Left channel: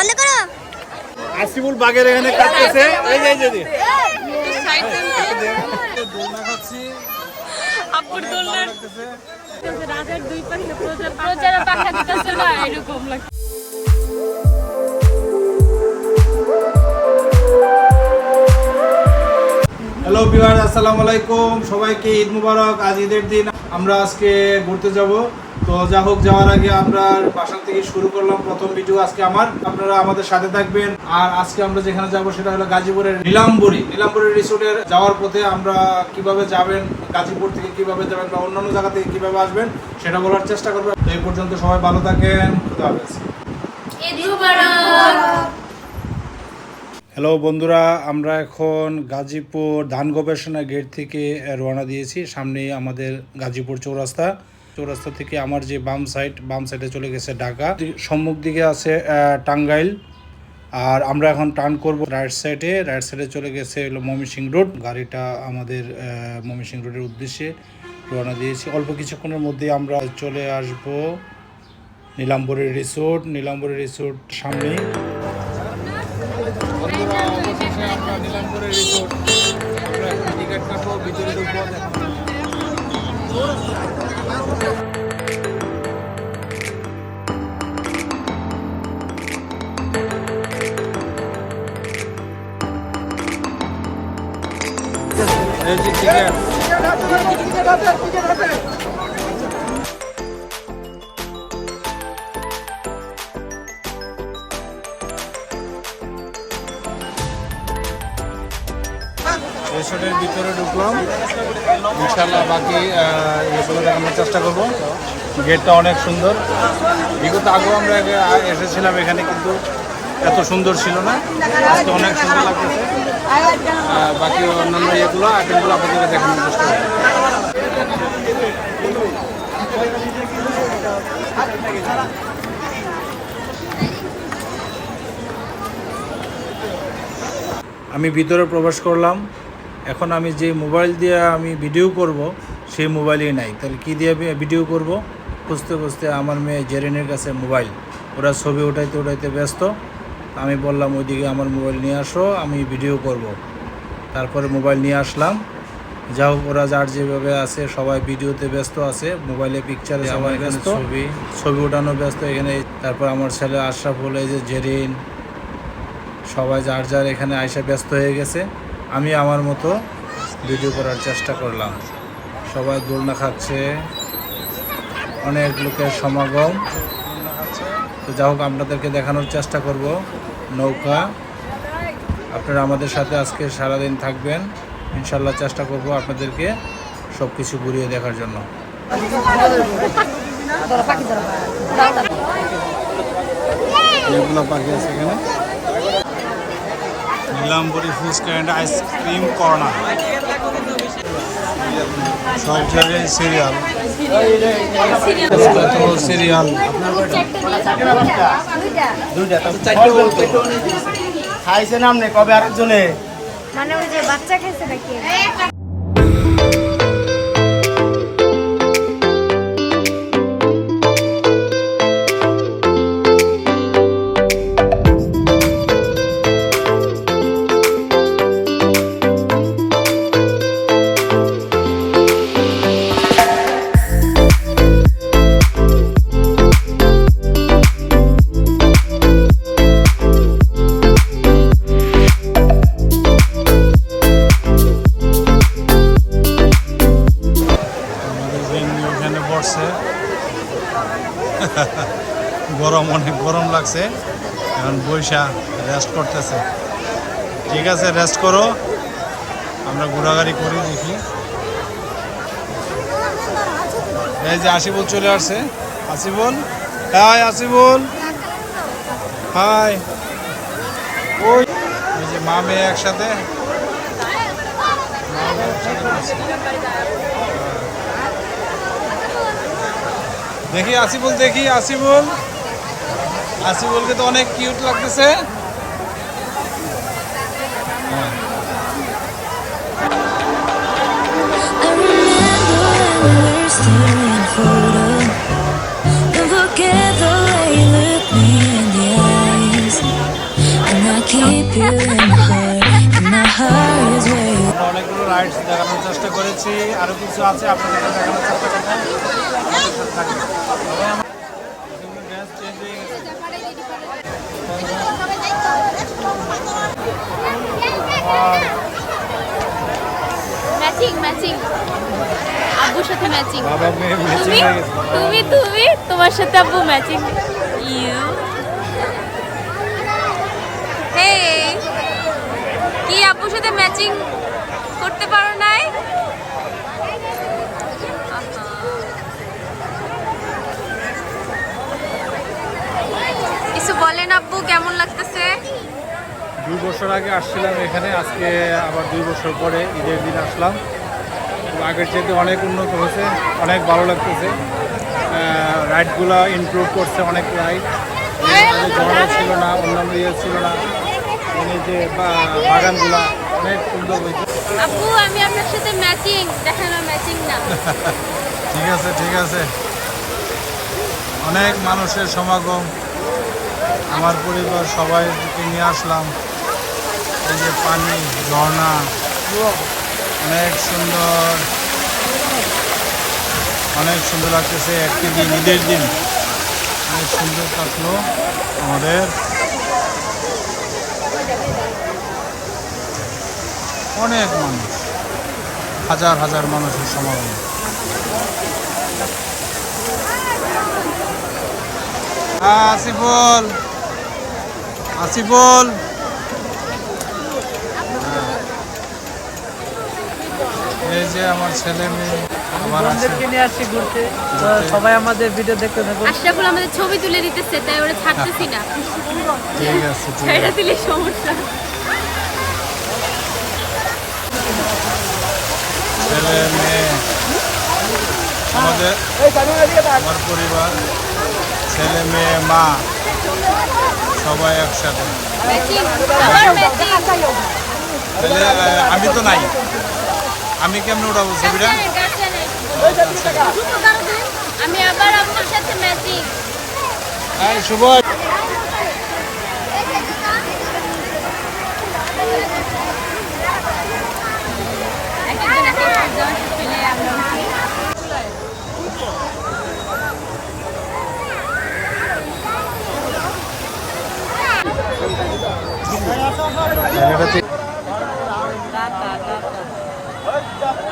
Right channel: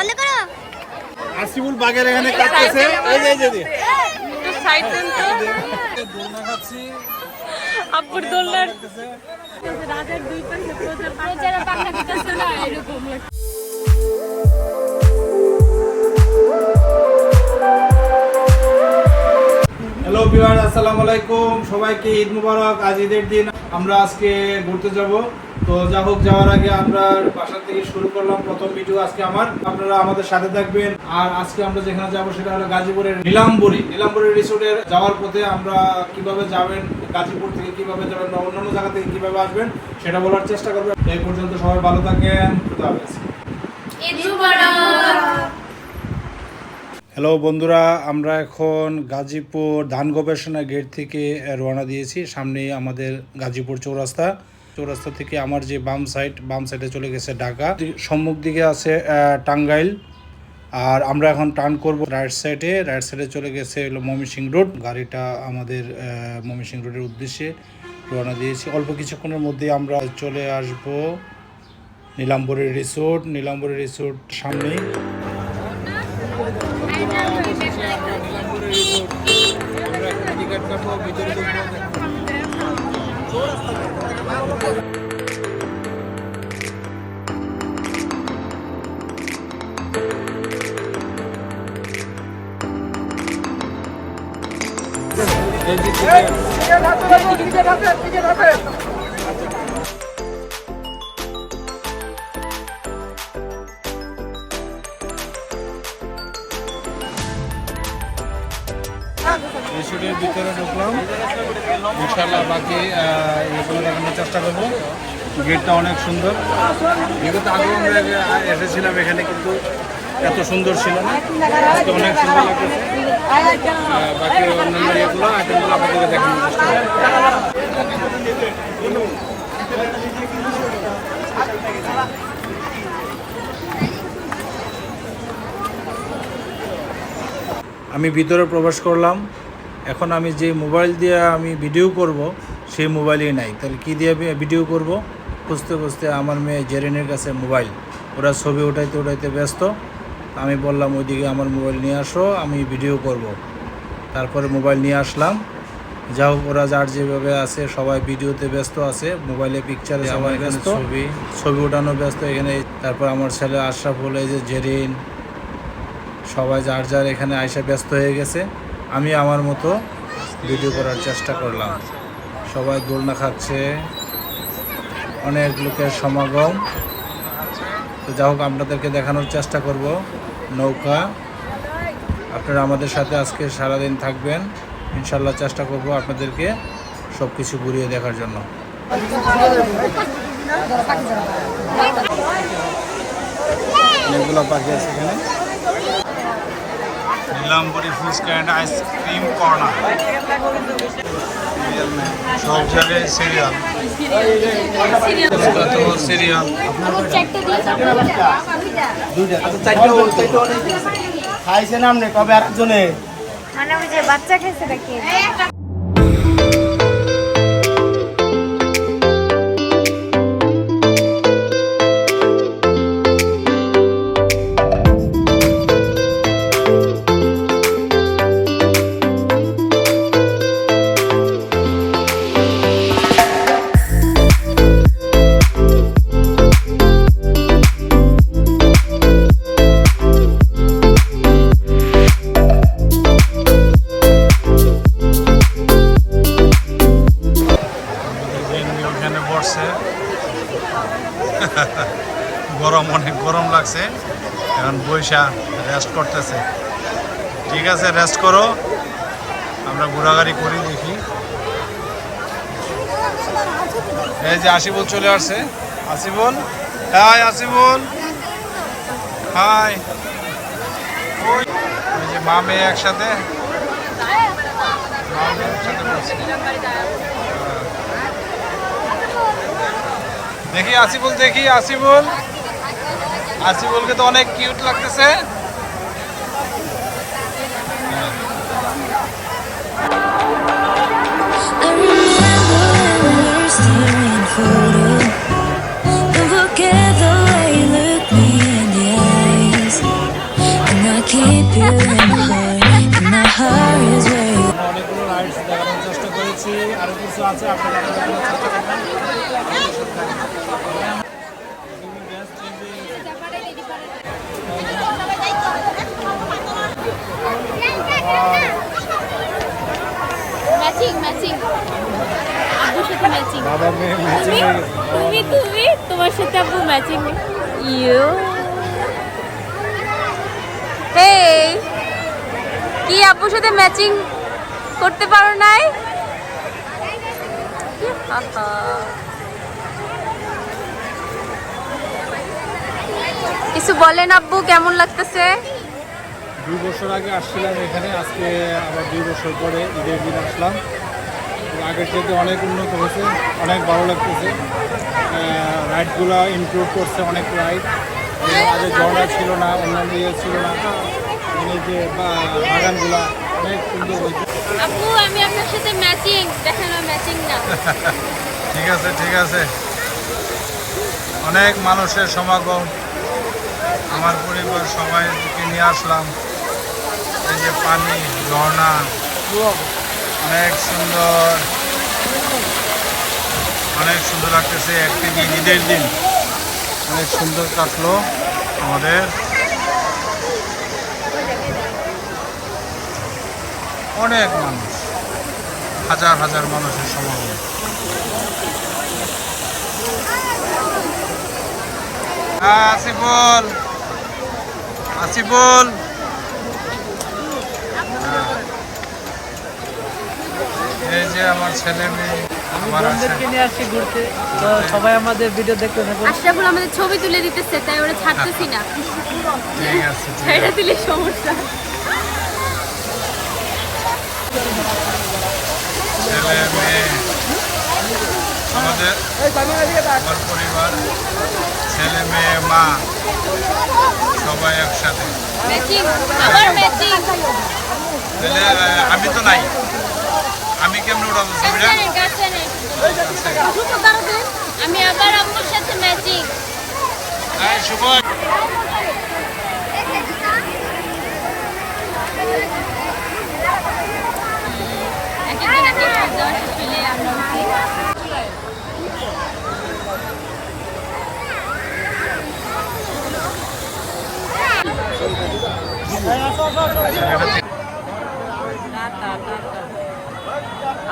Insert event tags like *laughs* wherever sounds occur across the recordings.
বন্ধ করো। আসিফুল বাগের এখানে কাটতেছে এই যে একটু সাইড দেন তো দোলনা খাচ্ছি। আব্বুর লাগতেছে। রাজার দুই পাশে প্রজার প্রজারা পাখা দিতেছে না এরকম লাগে হ্যালো বিহার আসসালামু আলাইকুম। সবাইকে ঈদ মুবারক আজ ঈদের দিন। আমরা আজকে ঘুরতে যাব। তো যা হোক, যাওয়ার আগে আমরা বাসা থেকে শুরু করলাম প্রথম ভিডিও আজকে আমার। আপনারা আমাদের সাথে থাকবেন। আর আজকে আমরা যেখানে যাব সেটা হলো গাজীপুরের নীলাম্বরী। নীলাম্বরী রিসোর্টে যাওয়ার পথে আমরা কীভাবে যাবেন, গাজীপুর থেকে কীভাবে যাবেন বা অন্যান্য জায়গা থেকে কীভাবে আসবেন, সেটা বলার চেষ্টা করবেন এই পর্যন্ত সবাই ভালো থাকেন। হ্যালো বন্ধুরা, আমরা এখন গাজীপুর ধান গবেষণা গেট থেকে রওনা দিয়েছি। সামনেই আমাদের গাজীপুর চৌরাস্তা। চৌরাস্তা থেকে আমার যে বাম সাইড বাম সাইডে চলে গেছে ঢাকা। সম্মুখ দিকে আছে টাঙ্গাইল। আর আমরা এখন টার্ন করব রাইট সাইডে রাইট সাইডে চলে গেছে হলো ময়মনসিং রোড গাড়িটা আমাদের ময়মনসিং রোডের উদ্দেশ্যে রওনা দিয়েছি। অল্প কিছুক্ষণের মধ্যে আমরা চলে আসব নীলাম্বরী রিসোর্ট নীলাম্বরী রিসোর্ট সামনেই। অবশেষে আমরা নীলাম্বরে রিসোর্ট আমরা এখন টিকিট কাটবো, ভিতরে ঢুকবো এই যে ভিতরে ঢুকলাম। ইনশাল্লাহ বাকি এগুলো দেখানোর চেষ্টা করব। গেটটা অনেক সুন্দর। বিগত আগেও আমরা এসেছিলাম এখানে, কিন্তু এত সুন্দর ছিল না। আজকে অনেক সুন্দর লাগতেছে। বাকি অন্যান্য এগুলো আইটেমগুলো আপনাদের দেখানোর চেষ্টা করব। আমি ভিতরে প্রবেশ করলাম। এখন আমি যে মোবাইল দিয়ে আমি ভিডিও করব, সেই মোবাইলই নাই। তাহলে কী দিয়ে ভিডিও করব? খুঁজতে খুঁজতে আমার মেয়ে জেরিনের কাছে মোবাইল। ওরা ছবি উঠাইতে উঠাইতে ব্যস্ত। আমি বললাম, ওইদিকে আমার মোবাইল নিয়ে আসো, আমি ভিডিও করব। তারপরে মোবাইল নিয়ে আসলাম। যা হোক ওরা যার যেভাবে আছে সবাই ভিডিওতে ব্যস্ত আছে মোবাইলে পিকচারে সবাই ব্যস্ত। ছবি। ছবি ওঠানো ব্যস্ত এখানে। তারপর আমার ছেলে আশরাফুল এই যে জেরিন সবাই যার যার এখানে আয়সা ব্যস্ত হয়ে গেছে। আমি আমার মতো ভিডিও করার চেষ্টা করলাম। সবাই দোলনা খাচ্ছে। অনেক লোকের সমাগম। তো যা হোক আপনাদেরকে দেখানোর চেষ্টা করব। নৌকা। আপনারা আমাদের সাথে আজকে সারাদিন থাকবেন। ইনশাল্লাহ চেষ্টা করব আপনাদেরকে সব কিছু ঘুরিয়ে দেখার জন্য। অনেকগুলো পাখি আছে এখানে। Nilambari fuchka and ice cream corner সব জায়গায় সিরিয়াল সিরিয়াল খাইছেন আপনি? কবে আরেকজনে? মানে ওই যে বাচ্চা খেয়েছে নাকি? পড়ছে গরম অনেক গরম লাগছে। এখন বৈশা রেস্ট করতেছে। ঠিক আছে রেস্ট করো। আমরা ঘোরাঘুরি করি, দেখি। এই যে আসিবুল চলে আসছে। Asibul hi Asibul hi. ওই যে মা মেয়ে একসাথে। মা মেয়ে my heart, and my heart is where you আমরা অনেকগুলো রাইডস দেখানোর চেষ্টা করেছি। আরও কিছু আছে আপনাদেরকে দেখানোর চেষ্টা করব আমাদের সাথে থাকবেন। তবে আমার- এগুলো dance change হয়ে গেছে। আর ম্যাচিং আব্বুর সাথে ম্যাচিং বাবা মেয়ে ম্যাচিং তুমি তুমি তোমার সাথে আব্বু ম্যাচিং ইউ হে কি আব্বুর সাথে ম্যাচিং করতে পারো নাই? আহা। কিছু বলেন আব্বু কেমন লাগতেছে? দুই বছর আগে আসছিলাম এখানে আজকে আবার দুই বছর পরে ঈদের দিন আসলাম। আগের চাইতে অনেক উন্নত হয়েছে অনেক ভালো লাগতেছে। রাইডগুলো ইমপ্রুভ করছে অনেক রাইড আগে ঝর্ণা ছিল না অন্যান্য ইয়ে ছিল না। মানে যে বাগানগুলা অনেক সুন্দর হয়েছে। আপু আমি আপনার সাথে ম্যাচিং দেখেন ম্যাচিং না। *laughs* ঠিক আছে ঠিক আছে। অনেক মানুষের সমাগম। আমার পরিবার সবাইকে নিয়ে আসলাম। এই যে পানি ঝর্ণা। অনেক সুন্দর। অনেক সুন্দর লাগতেছে। একদিকে ঈদের দিন। অনেক সুন্দর কাটলো আমাদের। অনেক মানুষ। হাজার হাজার মানুষের সমাগম। আসিফুল। আসিফুল হ্যাঁ। আমার ছেলে মেয়ে বন্ধুদেরকে নিয়ে আসছি ঘুরতে। তো সবাই আমাদের ভিডিও দেখতে থাকুন। আশরাফুল আমাদের ছবি তুলে দিতেছে তাই ওরা ছাড়তেছি না। ঠিক আছে ছেড়ে দিলে সমস্যা। ছেলে মেয়ে আমাদের আমার পরিবার ছেলে মেয়ে মা সবাই একসাথে। আমি তো নাই। আমি কেমনে উঠাবো ছবিটা? আমি আবার আম্মুর সাথে ম্যাচিং শুভ। এক একজন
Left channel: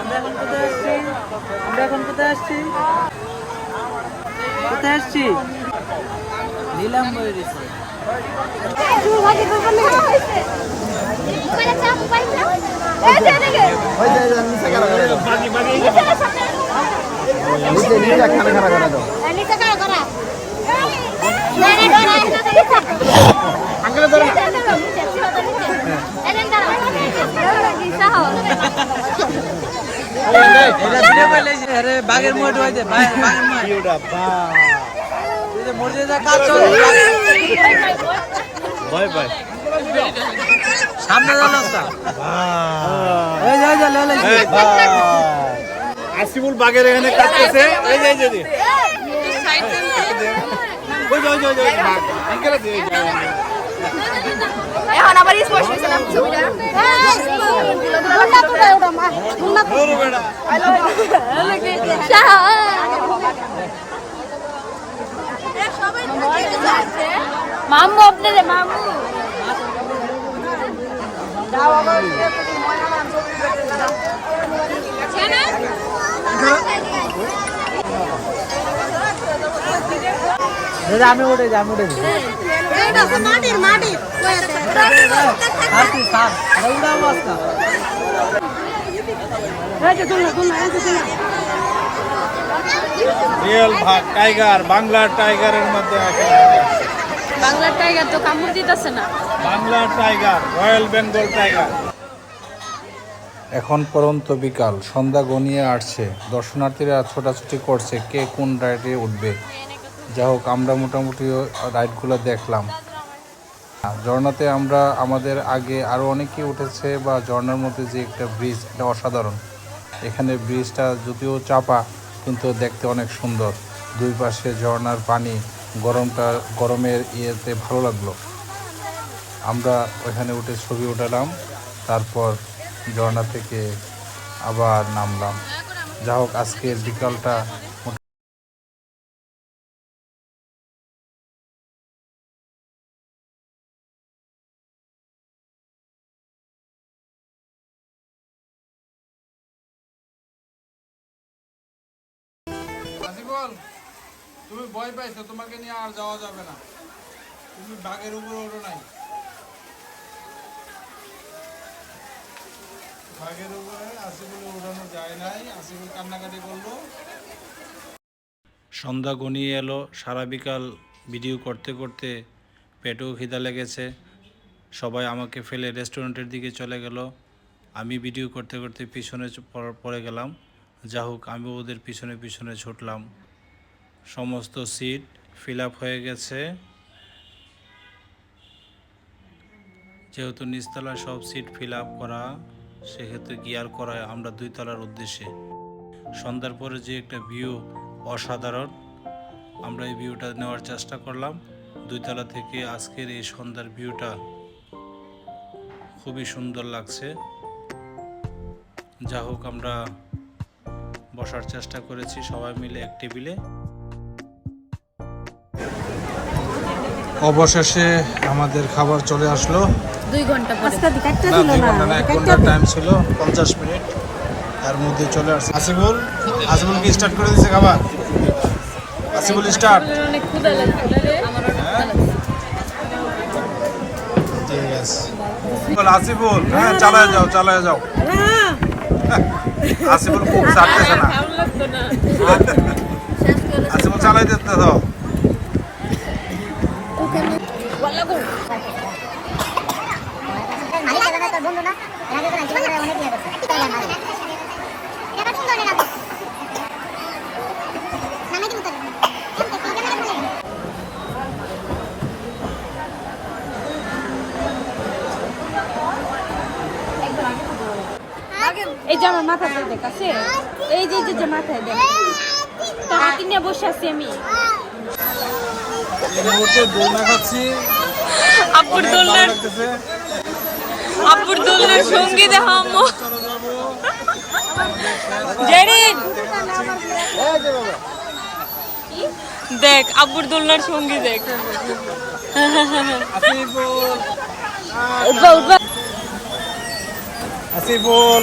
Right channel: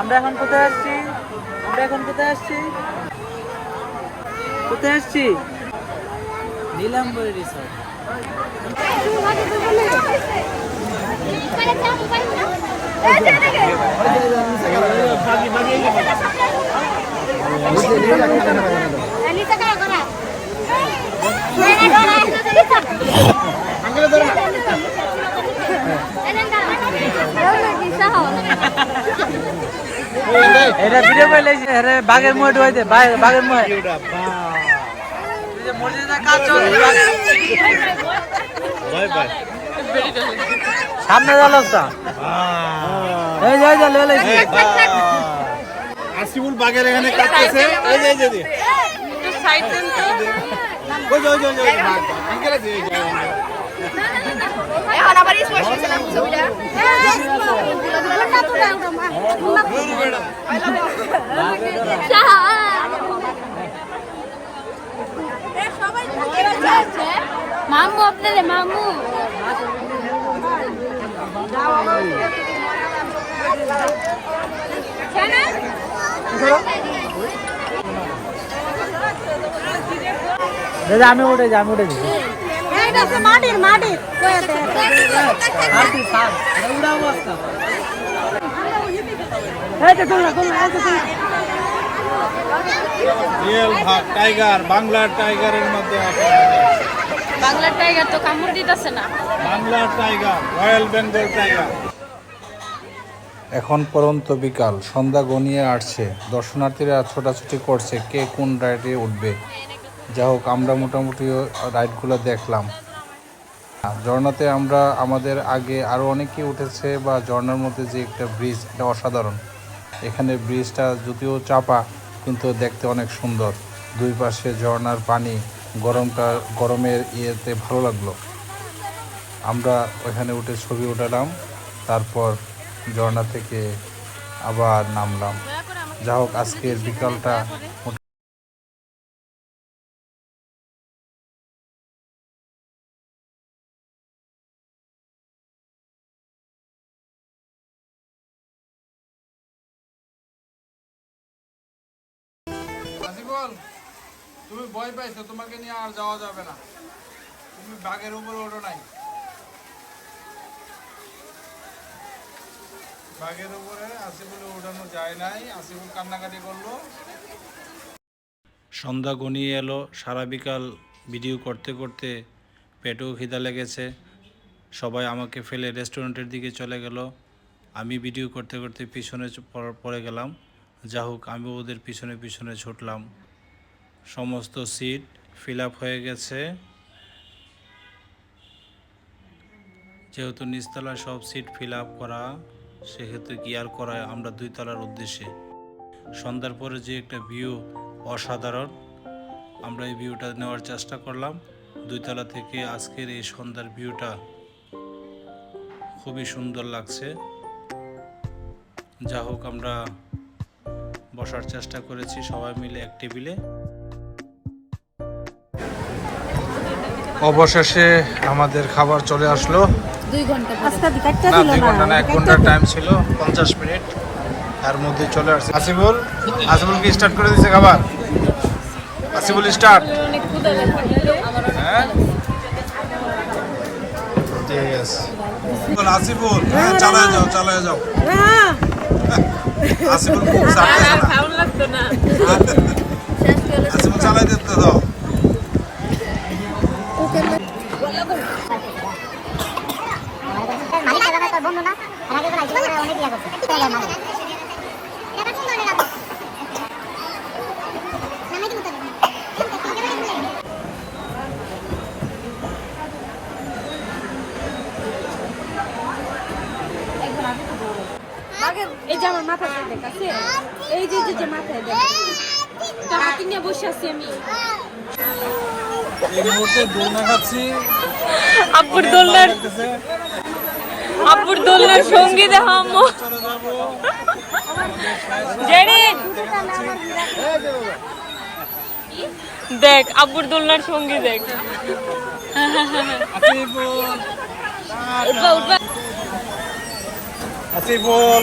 আমরা এখন কোথায় আসছি আমরা এখন কোথায় আসছি কোথায় আসছি নীলাম্বরী রিসোর্ট হইতে বাঘের মুখ মসজিদে কাজ চলছে সামনে। আসিফুল এখানে কাটতেছে এই যে যে এই যে। ওই যে ওই যে ওই যে ওই যে বাঘ আঙ্কেল আছে এই যে, এই যে। মামু আপনাদের মামু। আমি উঠে যাই আমি উঠে যাই আর তুই সার আরে উড়াবো আজকা রিয়েল ভাগ টাইগার বাংলার টাইগারের মধ্যে একেবারে। টাইগার তো কামড় দিতেছে না। বাংলার টাইগার রয়্যাল বেঙ্গল টাইগার। এখন পরন্ত বিকাল সন্ধ্যা গনিয়ে আসছে। দর্শনার্থীরা ছোটাছুটি করছে কে কোন রাইডে উঠবে। যা হোক আমরা মোটামুটি রাইডগুলো দেখলাম। ঝর্ণাতে আমরা আমাদের আগে আরও অনেকেই উঠেছে বা ঝর্ণার মধ্যে যে একটা ব্রিজ এটা অসাধারণ। এখানে ব্রিজটা যদিও চাপা, কিন্তু দেখতে অনেক সুন্দর। দুই পাশে ঝর্নার পানি, গরমটা, গরমের ইয়েতে ভালো লাগল। আমরা ওখানে উঠে ছবি উঠালাম, তারপর ঝর্ণা থেকে আবার নামলাম। যা হোক আজকের বিকালটা আসিফল তুমি ভয় পাইছো, তোমাকে নিয়ে আর যাওয়া যাবে না। তুমি বাঘের উপরে ওঠো নাই। বাঘের উপরে আসিফুলে ওঠানো যায় নাই, আসিফুল কান্নাকাটি করল। সন্ধ্যা ঘনিয়ে এলো, সারা বিকাল ভিডিও করতে করতে পেটেও খিদা লেগেছে। সবাই আমাকে ফেলে রেস্টুরেন্টের দিকে চলে গেল। আমি ভিডিও করতে করতে পিছনে পড়ে গেলাম। যা হোক আমি ওদের পিছনে পিছনে ছুটলাম। সমস্ত সিট ফিল হয়ে গেছে। যেহেতু নিচতলায় সব সিট ফিল করা সেক্ষেত্রে গিয়ার করায় আমরা দুই তলার উদ্দেশ্যে। সন্ধ্যার পরে যে একটা ভিউ অসাধারণ, আমরা এই ভিউটা নেওয়ার চেষ্টা করলাম। দুইতলা থেকে আজকের এই সন্ধ্যার ভিউটা খুবই সুন্দর লাগছে। যা হোক আমরা বসার চেষ্টা করেছি সবাই মিলে এক টেবিলে। অবশেষে আমাদের খাবার চলে আসলো। দুই ঘণ্টা না দুই ঘণ্টা না এক ঘণ্টার টাইম ছিল পঞ্চাশ মিনিট। তার মধ্যে চলে আসছে আসিফুল আসিফুল কি স্টার্ট করে দিয়েছে খাবার। আসিফুল স্টার্ট হ্যাঁ? ঠিক আছে বল, আসিফুল হ্যাঁ চালায় যাও চালায় যাও। আসিফুল খুব চাপতেছে না। ভালো না। আসিফুল চালাই দিতে দাও এই যে আমার মাথা দেখ আছে এই যে এই যে মাথায় দেখ তো হাতে নিয়ে বসে আছি আমি এই মুহূর্তে দোলনা খাচ্ছি। আব্বুর দোলনার লাগতেছে। আব্বুর দোলনার সঙ্গী দেখ আম্মু। চলে যাব। জেরিক দেখ আব্বুর দোলনার সঙ্গী দেখ। আসিফুল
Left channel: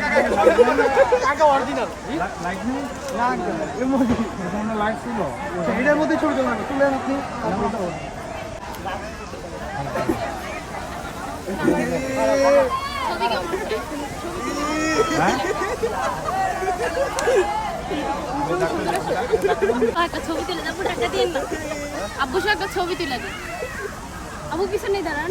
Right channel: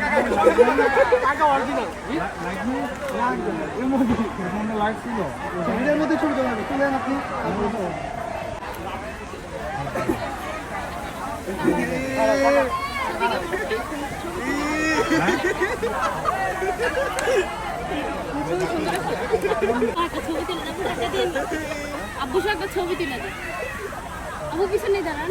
উঠবা উঠবা আসিফুল এটার মধ্যে ছবি তুলবেন তুলেন আপনি। একটা ছবি তুলে টাকা দিন না আব্বু একটা ছবি তুলে দিন আব্বু পিছনে দাঁড়ান।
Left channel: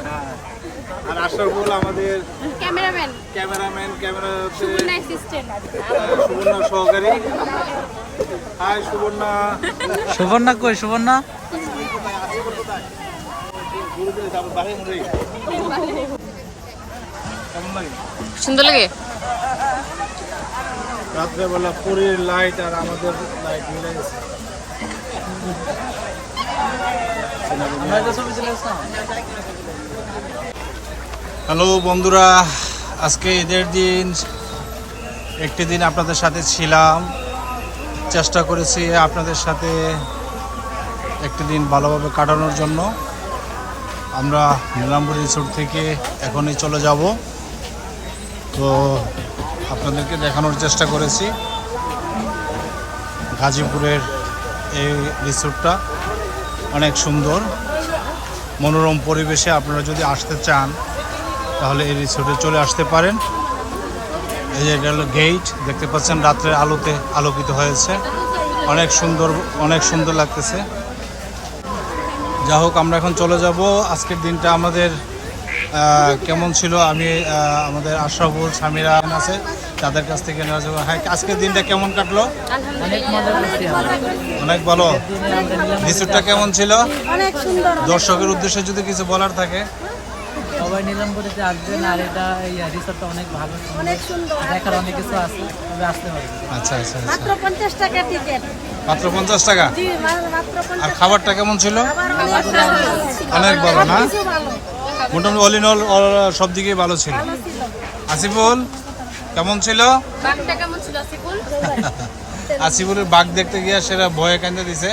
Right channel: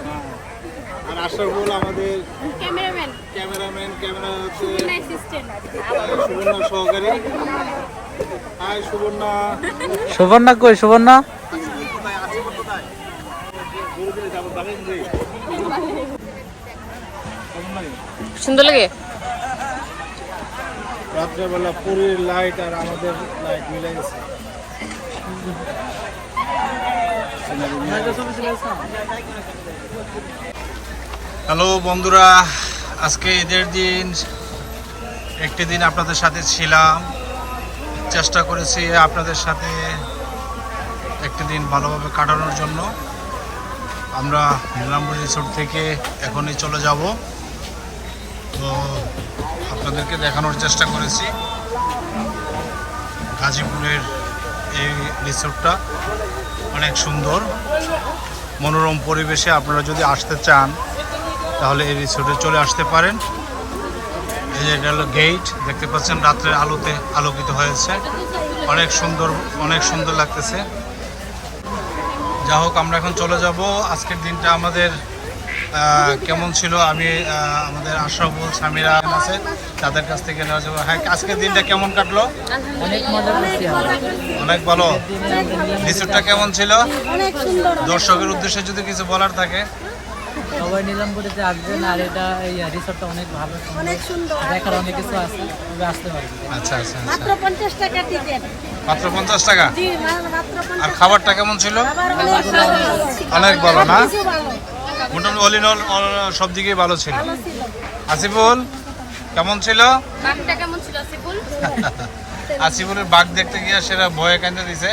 হ্যাঁ। আর আশরাফুল আমাদের ক্যামেরাম্যান। ক্যামেরাম্যান ক্যামেরা হচ্ছে সুবর্ণা অ্যাসিস্ট্যান্ট আহ, সুবর্ণা সহকারী। হাই সুবর্ণা। সুবর্ণা কই সুবর্ণা? সুন্দর লাগে? রাত্রেবেলা পুরীর লাইট আর আমাদের লাইট মিলে গেছে। হ্যালো বন্ধুরা, আজকে ঈদের দিন, একটি দিন আপনাদের সাথে ছিলাম। চেষ্টা করেছি আপনাদের সাথে একটি দিন ভালোভাবে কাটানোর জন্য। আমরা নীলাম্বরী রিসোর্ট থেকে এখনই চলে যাব। তো আপনাদেরকে দেখানোর চেষ্টা করেছি। গাজীপুরের এই রিসোর্টটা অনেক সুন্দর, মনোরম পরিবেশে আপনারা যদি আসতে চান, তাহলে এই রিসোর্টে চলে আসতে পারেন। এই যে গেল গেট দেখতে পাচ্ছেন রাত্রে আলোতে আলোকিত হয়েছে। অনেক সুন্দর অনেক সুন্দর লাগতেছে। যা হোক, আমরা এখন চলে যাব। আজকের দিনটা আমাদের কেমন ছিল? আমি আমাদের আশরাফুল, সামিরা আছে। তাদের কাছ থেকে নেওয়া যাব। হ্যাঁ আজকের দিনটা কেমন কাটলো? অনেক মজা করছি অনেক ভালো। রিসোর্টটা কেমন ছিল? অনেক সুন্দর দর্শকের উদ্দেশ্যে যদি কিছু বলার থাকে। সবাই নিলামপুরিতে আসবেন আর এটা এই রিসোর্টটা অনেক ভালো অনেক সুন্দর দেখার অনেক কিছু আছে তবে আসতে পারেন। আচ্ছা আচ্ছা আচ্ছা। মাত্র পঞ্চাশ টাকা টিকিট মাত্র পঞ্চাশ টাকা? জি আর খাবারটা কেমন ছিল? অনেক ভালো। অনেক ভালো না? মোটামুটি অল ইন অল সব দিকেই ভালো ছিল। আসিফুল? কেমন ছিল? *laughs* আসিফুলের বাঘ দেখতে গিয়ে সেটা ভয়ে কান্দে দিছে।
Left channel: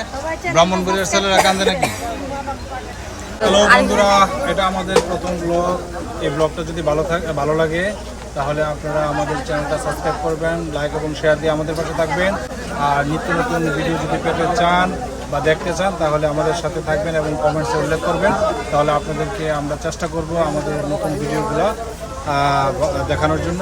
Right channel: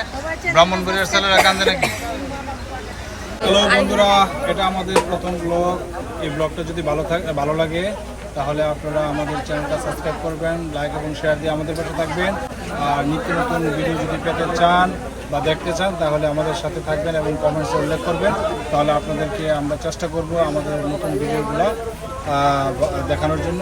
ব্রাহ্মণবাড়িয়ার ছেলেরা কান্দে নাকি? হ্যালো বন্ধুরা এটা আমাদের প্রথম ব্লগ এই ব্লগটা যদি ভালো থাকে ভালো লাগে তাহলে আপনারা আমাদের চ্যানেলটা সাবস্ক্রাইব করবেন লাইক এবং শেয়ার দিয়ে আমাদের পাশে থাকবেন। আর নিত্য নতুন ভিডিও যদি পেতে চান বা দেখতে চান তাহলে আমাদের সাথে থাকবেন এবং কমেন্টসে উল্লেখ করবেন। তাহলে আপনাদেরকে আমরা চেষ্টা করব আমাদের নতুন ভিডিওগুলো দেখানোর জন্য।